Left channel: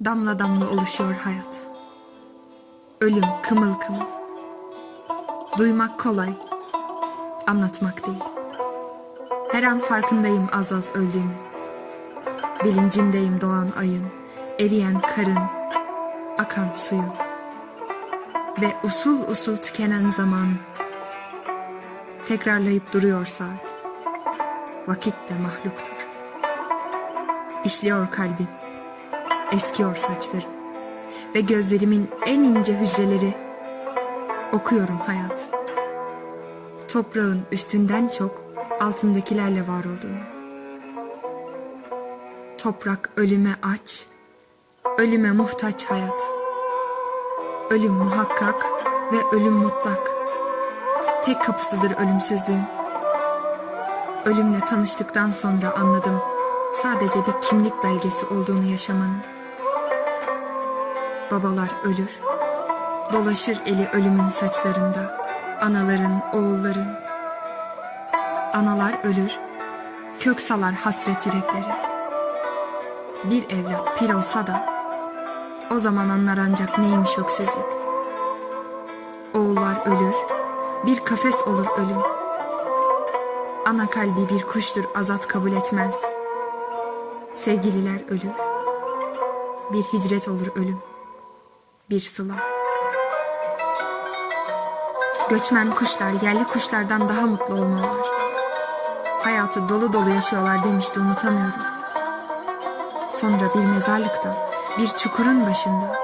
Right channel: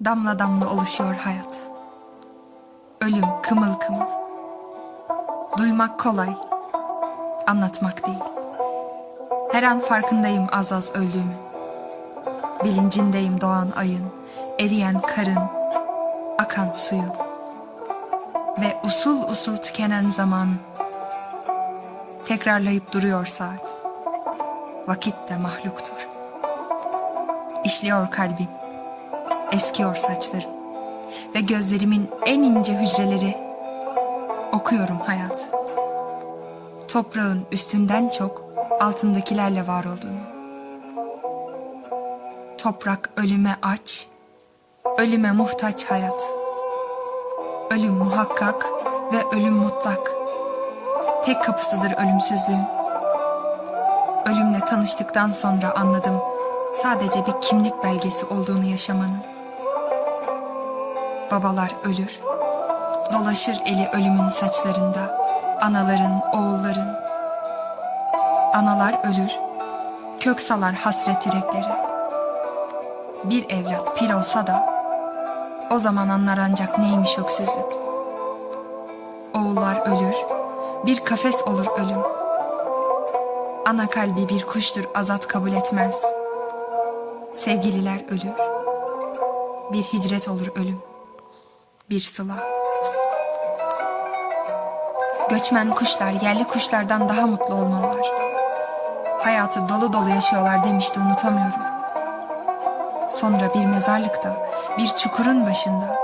Damla damla oluşuyor hayat. Ölüm kımıl kımıl. Duymak kolay, anlatmak değil. Her an farkındayım az az öldüğümün. Bilincindeyim doğan ayın, eriyen karın, akan suyun. Ve usul usul tükenen zaman. Tekrarlayıp duruyor saat. Vakit de mahluktur. İşliyor kalbim. Eskiyor saçlarım. Ve gözlerimin en ince hücreleri okuyorum hayat. Toprağın üstünden çok altındakilerle var olduğunu. Toprak ölüme aç, ölüme muhtaç hayat. Ölüm muhakkak ve ölüm mutlak. Tek kapısıdır ölümsüzlüğün. Ölümle tanıştıktan sonra anladım sadece bir kimlik belgesi olduğunu yaşamanın. Babalar ölür, dolaşır eli ölümün saçlarında, anaların, oğulların. Analar ölür, kök salar hasret yüreklere. Bir evlat pir olsa da, o zaman anlar ancak neymiş öksüzlük. Oğullar ölür, bir kafes olur ölüm. Ana kalbi bir kuştur azat kabul etmez. Sevgililer ölür, bir hicret olur ölüm, bir sıla. Göçmen kuşlar yerli kuşlardan daha mutlu olmalılar. Hayatı dolu dolu yaşıyorlar demişti unutamıyorum. Sonra bir mezarlıkta, bir çukurun başında,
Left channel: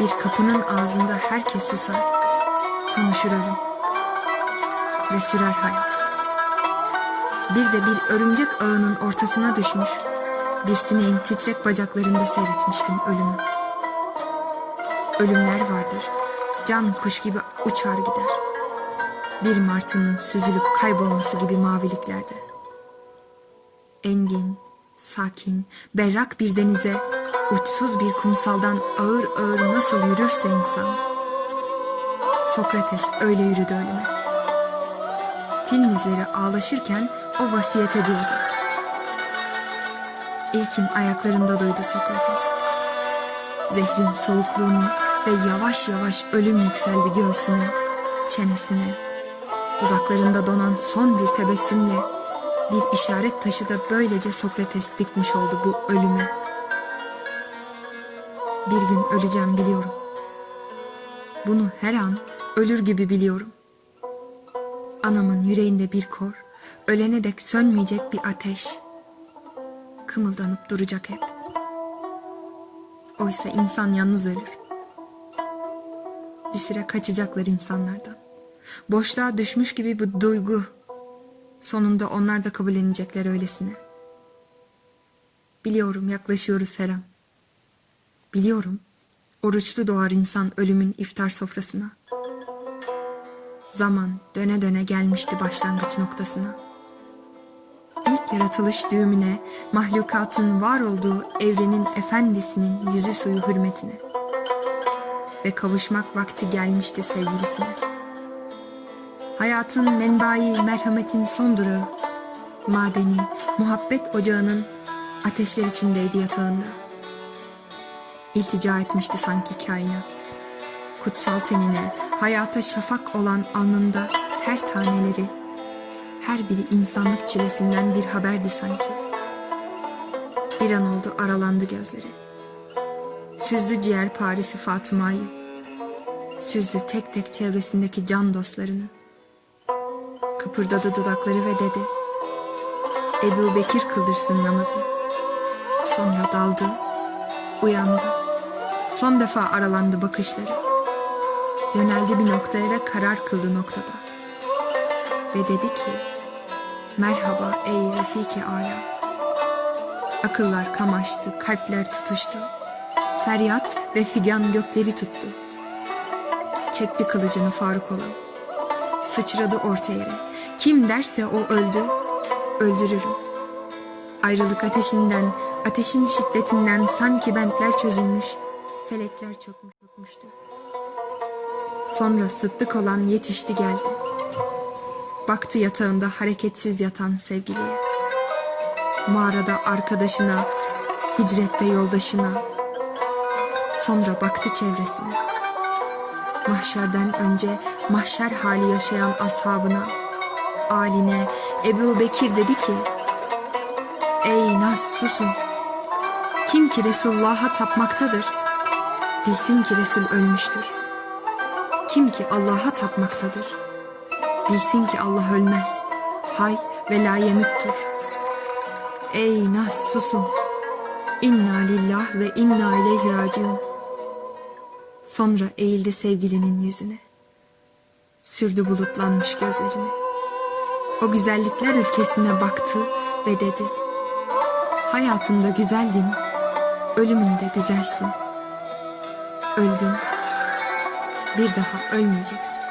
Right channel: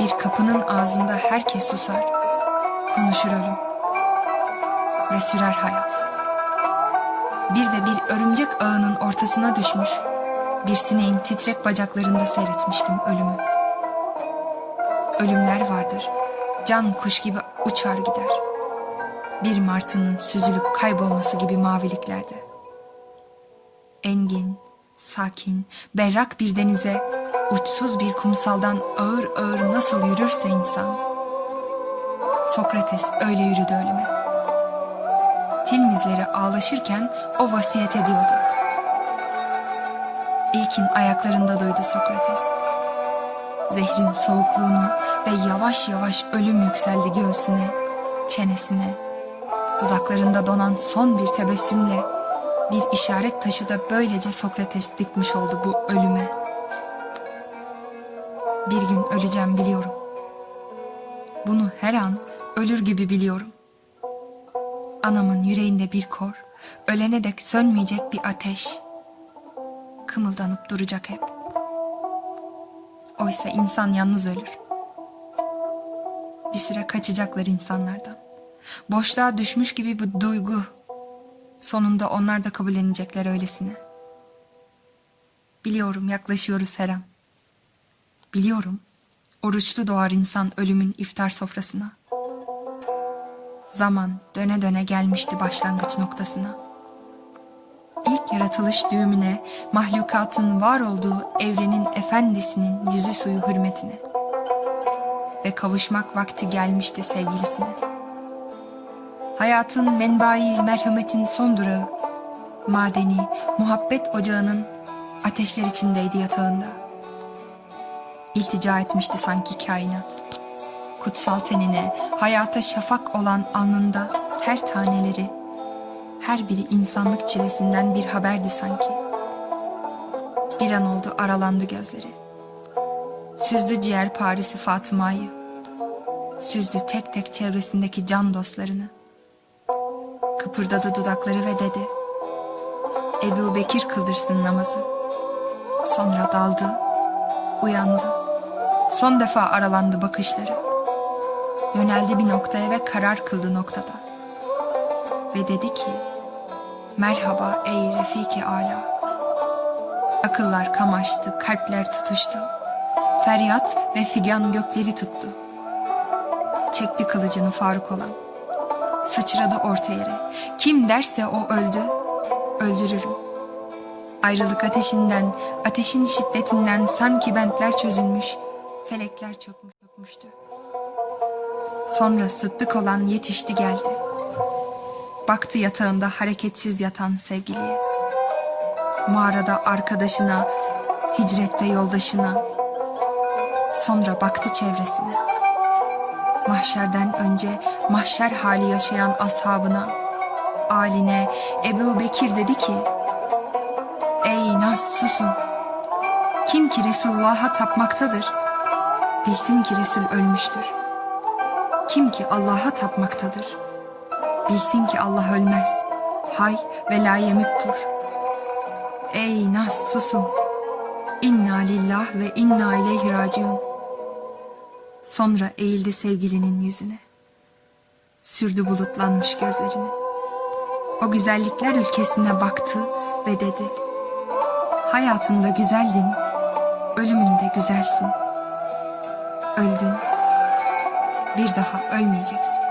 bir kapının ağzında herkes susar. Konuşur ölüm. Ve sürer hayat. Bir de bir örümcek ağının ortasına düşmüş, bir sineğin titrek bacaklarında seyretmiştim ölümü. Ölümler vardır. Can kuş gibi uçar gider. Bir martının süzülüp kaybolması gibi maviliklerde. Engin, sakin, berrak bir denize, uçsuz bir kumsaldan ağır ağır nasıl yürürse insan. Sokrates öyle yürüdü ölüme. Tilmizleri ağlaşırken o vasiyet ediyordu. İlkin ayaklarında duydu Sokrates. Zehrin soğukluğunu ve yavaş yavaş ölüm yükseldi göğsüne, çenesine. Dudaklarında donan son bir tebessümle bir işaret taşı da böylece Sokrates dikmiş oldu bu ölüme. Bir gün öleceğim biliyorum. Bunu her an ölür gibi biliyorum. Anamın yüreğinde bir kor, ölene dek sönmeyecek bir ateş. Kımıldanıp duracak hep. Oysa insan yalnız ölür. Bir süre kaçacaklar insanlardan. Boşluğa düşmüş gibi bu duygu. Sonunda onlar da kabullenecekler öylesine. Biliyorum yaklaşıyoruz her an. Biliyorum oruçlu doğar insan ölümün iftar sofrasına. Zaman döne döne gelmişti başlangıç noktasına. İlk yaratılış düğümüne, mahlukatın var olduğu evrenin efendisinin yüzü suyu hürmetine. Ve kavuşmak vakti gelmişti sevgilisine. Hayatın menbai merhametin son durağı, madeni muhabbet ocağının ateşler içindeydi yatağında. İltica etmişti sanki kainat. Kutsal tenine, hayata şafak olan alnında ter taneleri, her biri insanlık çilesinden bir haberdi sanki. Bir an oldu aralandı gözleri. Süzdü ciğer Paris'i Fatıma'yı. Süzdü tek tek çevresindeki can dostlarını. Kıpırdadı dudakları ve dedi. Ebu Bekir kıldırsın namazı. Sonra daldı, uyandı. Son defa aralandı bakışları. Yöneldi bir noktaya ve karar kıldı noktada. Ve dedi ki, merhaba ey Refiki Ala. Akıllar kamaştı, kalpler tutuştu. Feryat ve figan gökleri tuttu. Çekti kılıcını Faruk olan. Sıçradı orta yere. Kim derse o öldü, öldürürüm. Ayrılık ateşinden, ateşin şiddetinden sanki bentler çözülmüş, felekler çökmüş çökmüştü. Sonra sıddık olan yetişti geldi. Baktı yatağında hareketsiz yatan sevgiliye. Mağarada arkadaşına, hicrette yoldaşına, Sonra baktı çevresine. Mahşerden önce mahşer hali yaşayan ashabına, aline Ebu Bekir dedi ki, Ey Nas susun. Kim ki Resulullah'a tapmaktadır, bilsin ki Resul ölmüştür. Kim ki Allah'a tapmaktadır, bilsin ki Allah ölmez, hay ve la yemüttür. Ey Nas susun. İnna lillah ve inna ileyhi raciun. Sonra eğildi sevgilinin yüzüne. Sürdü bulutlanmış gözlerini. O güzellikler ülkesine baktı ve dedi. Hayatında güzeldin, ölümünde güzelsin. Öldün, bir daha ölmeyeceksin.